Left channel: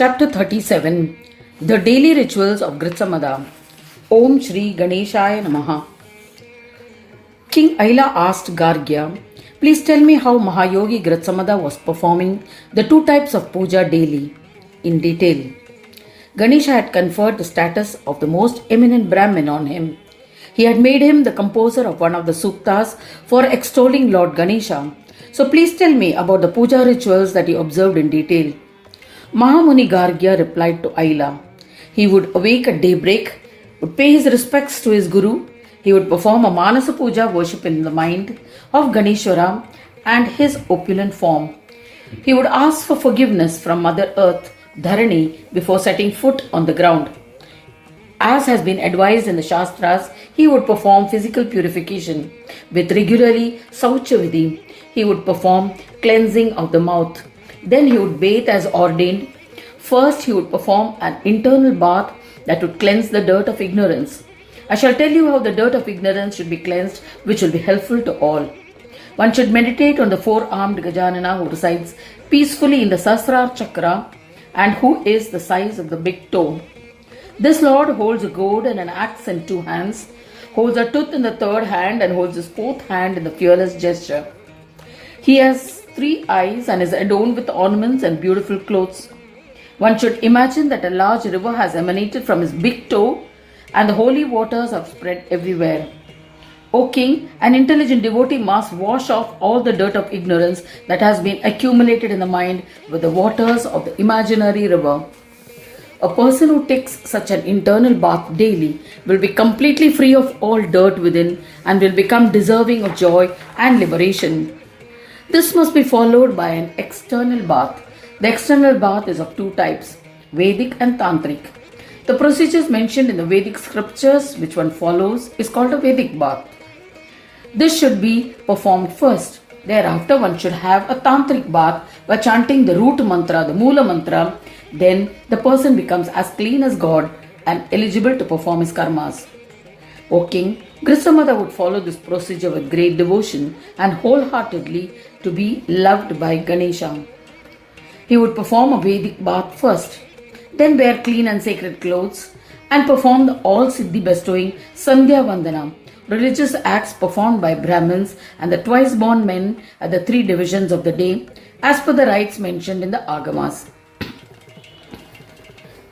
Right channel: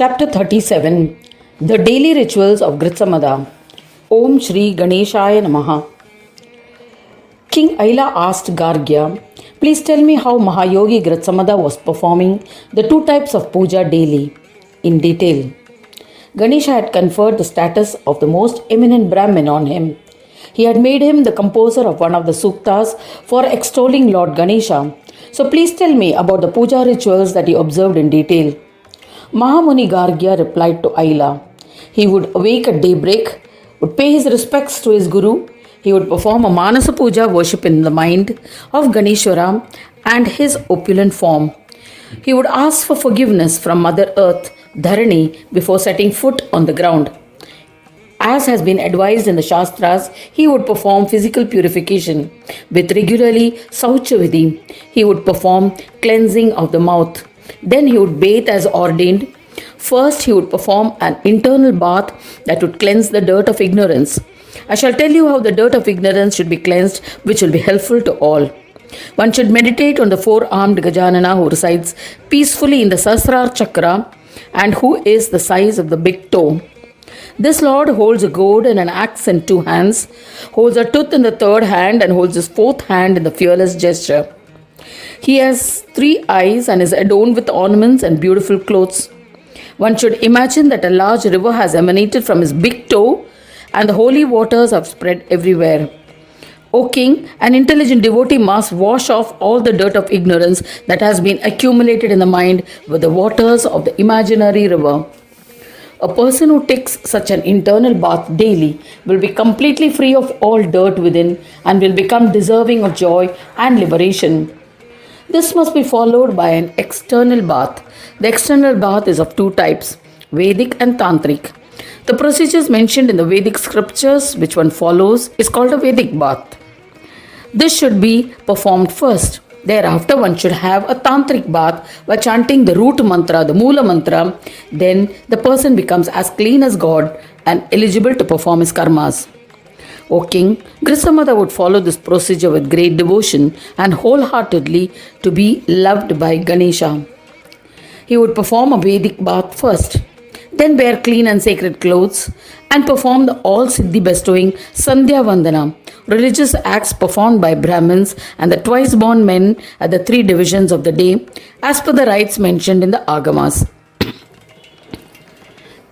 Chapter 37 The Daily Rituals of Grutsamada. Om Shri Ganeshaya Namaha. King Aila asked Gargya, "Please tell me how Mahayogi Grutsamada was performing the two types of puja daily, in detail." Ganesha had conferred the status of the most eminent Brahmin on him. He had made him the composer of one of the suktas for extolling Lord Ganesha. So please tell me about the puja rituals that he observed in detail. Mahamuni Gargya replied to Aila. He would awake at daybreak, would pay his respects to his guru, he would perform a Manasa Puja worship in the mind of Ganeshwara and his opulent form. He would ask for forgiveness from Mother Earth, Dharani, before setting foot on the ground. As has been advised in the Shastras, he would perform physical purification with regularly Sauchavidhi. He would perform cleansing of the mouth. Then he would bathe as ordained. First, he would perform an internal bath that would cleanse the dirt of ignorance. I shall tell you how the dirt of ignorance should be cleansed, which will be helpful to all. One should meditate on the four-armed Gajanana who resides peacefully in the Sahasrara Chakra and who is the size of the big toe. This Lord holds a gourd and an axe in two hands, holds a tooth in the third hand, and holds his fourth hand in the fearless gesture. He has 3 eyes and is adorned with ornaments and beautiful clothes. One should imagine that a large river has emanated from his big toe and the holy waters have spread everywhere. O King, an intelligent devotee must wash off all the dirt of ignorance that has been accumulated in the mind with the waters of the imaginary river. A person who takes such an internal bath daily will be completely free of all dirt within and will become deserving of joy and liberation. This must be followed by an external bath. The external bath is of 2 types, Vedic and Tantric. The procedures mentioned in the Vedic scriptures which one follows is called a Vedic bath. This should be performed first. Thereafter one should have a Tantric bath by chanting the root mantra, the Moola mantra. Then the person becomes as clean as God and eligible to perform his karmas. O King, Grutsamada would follow this procedure with great devotion and wholeheartedly to be loved by Ganesha. He would perform a Vedic bath first, then wear clean and sacred clothes and perform the all-siddhi bestowing Sandhya Vandana, religious acts performed by Brahmins and the twice-born men at the 3 divisions of the day as per the rites mentioned in the Agamas.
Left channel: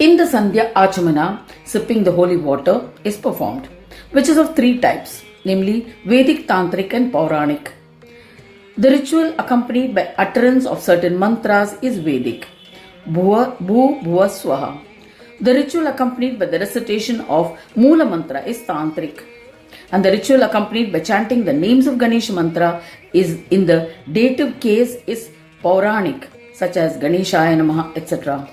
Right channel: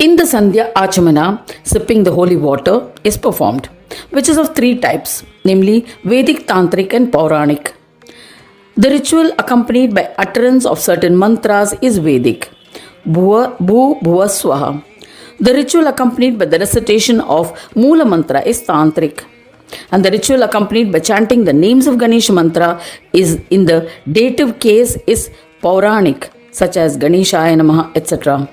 In the Sandhya Achamana, sipping the holy water is performed, which is of 3 types, namely Vedic, Tantric and Pauranic. The ritual accompanied by utterance of certain mantras is Vedic, Bhuva, Bhu, Bhuva, Swaha. The ritual accompanied by the recitation of Moola mantra is Tantric. And the ritual accompanied by chanting the names of Ganesha mantra is in the dative case is Pauranic, such as Ganeshaya Namaha, etc.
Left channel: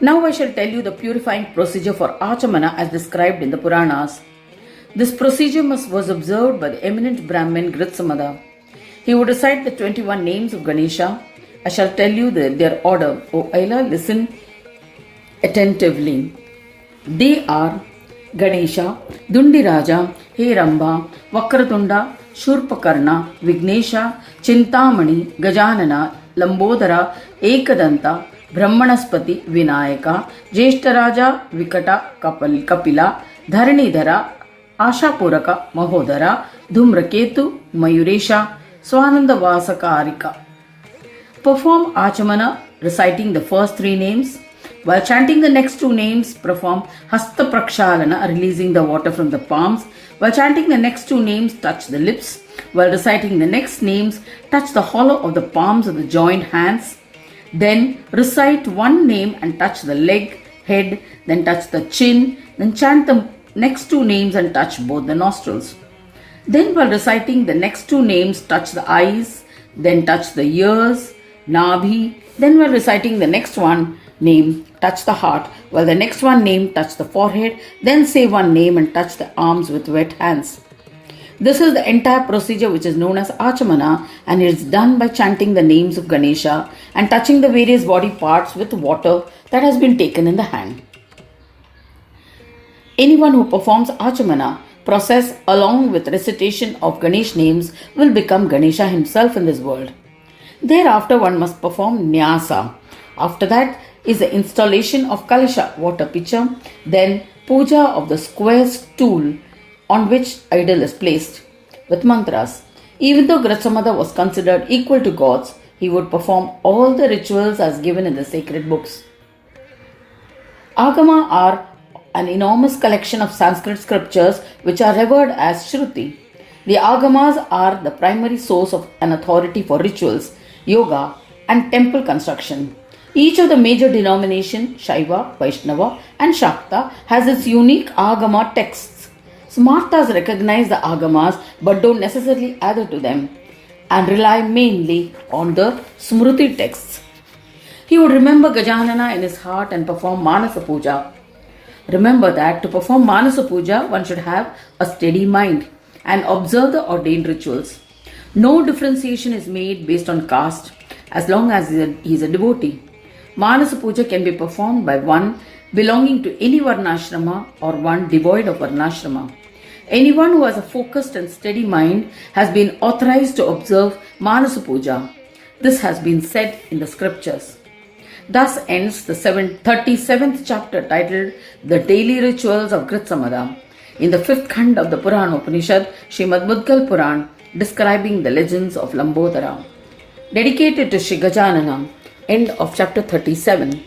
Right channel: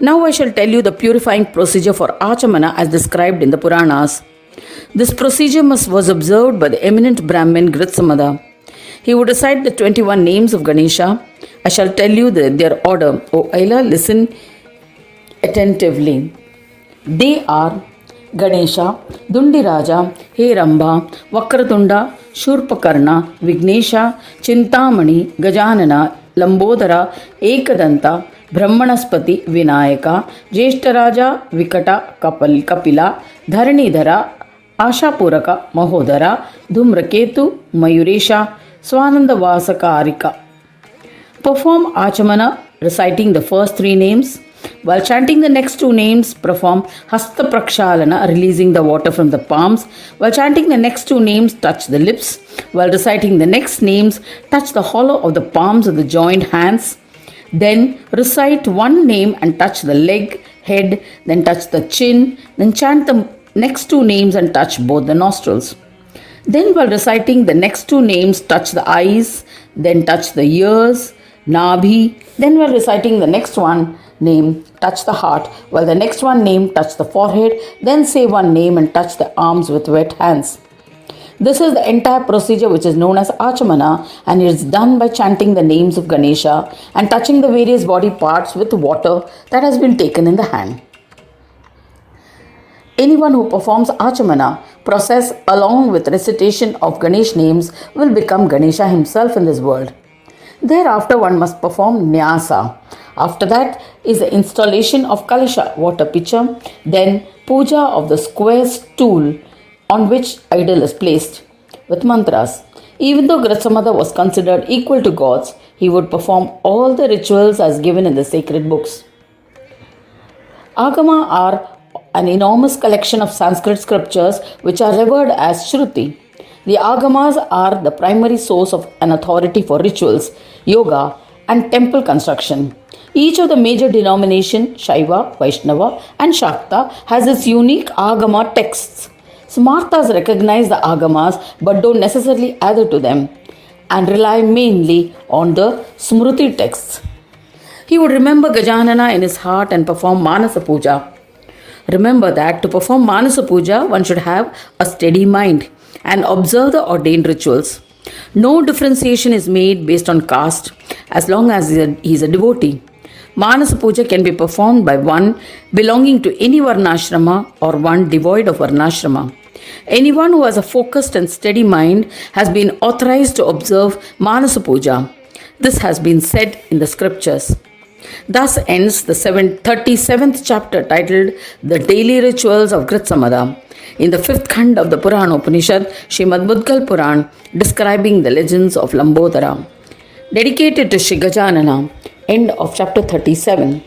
Now I shall tell you the purifying procedure for Achamana as described in the Puranas. This procedure was observed by the eminent Brahmin Grutsamada. He would recite the 21 names of Ganesha. I shall tell you their order. O Aila, listen attentively. They are Ganesha, Dundiraja, Heramba, Vakratunda, Shurpakarna, Vignesha, Chintamani, Gajanana, Lambodara, Ekadanta, Brahmanaspati, Vinayaka, Jeshtaraja, Vikata, Kapila, Dharanidhara, Ashapuraka, Mahodara, Dhumraketu, Mayuresha, Swanandavasakarika. Perform Achamana reciting the first 3 names. While chanting the next 2 names, perform Hasta Prakshalana, releasing the water from the palms. While chanting the next 2 names, touch the lips. While reciting the next names, touch the hollow of the palms of the joined hands. Then recite 1 name and touch the leg, head, then touch the chin, then chant the next 2 names and touch both the nostrils. Then while reciting the next 2 names, touch the eyes, then touch the ears, Nabhi. Then while reciting the next one name, touch the heart, while the next one name, touch the forehead, then say 1 name and touch the arms with wet hands. This is the entire procedure which is known as Achamana, and it is done by chanting the names of Ganesha and touching the various body parts with water that has been taken in the hand. Anyone who performs Achamana process along with recitation of Ganesh names will become Ganesha himself in this world. Thereafter one must perform Nyasa. After that, is the installation of Kalasha water pitcher, then puja of the square stool on which idol is placed with mantras. Even though Grutsamada was considered equal to gods, he would perform all the rituals as given in the sacred books. Agama are an enormous collection of Sanskrit scriptures which are revered as Shruti. The Agamas are the primary source of an authority for rituals, yoga, and temple construction. Each of the major denominations, Shaiva, Vaishnava, and Shakta, has its unique Agama texts. Smartas recognize the Agamas but don't necessarily adhere to them and rely mainly on the Smruti texts. He would remember Gajanana in his heart and perform Manasa Puja. Remember that to perform Manasa Puja, one should have a steady mind and observe the ordained rituals. No differentiation is made based on caste as long as he is a devotee. Manasa Puja can be performed by one belonging to any Varnashrama or one devoid of Varnashrama. Anyone who has a focused and steady mind has been authorized to observe Manasa Puja. This has been said in the scriptures. Thus ends the 37th chapter titled The Daily Rituals of Grutsamada in the 5th Khand of the Purana Upanishad, Srimad Mudgal Puran, describing the legends of Lambodara. Dedicated to Shri Gajanana. End of chapter 37.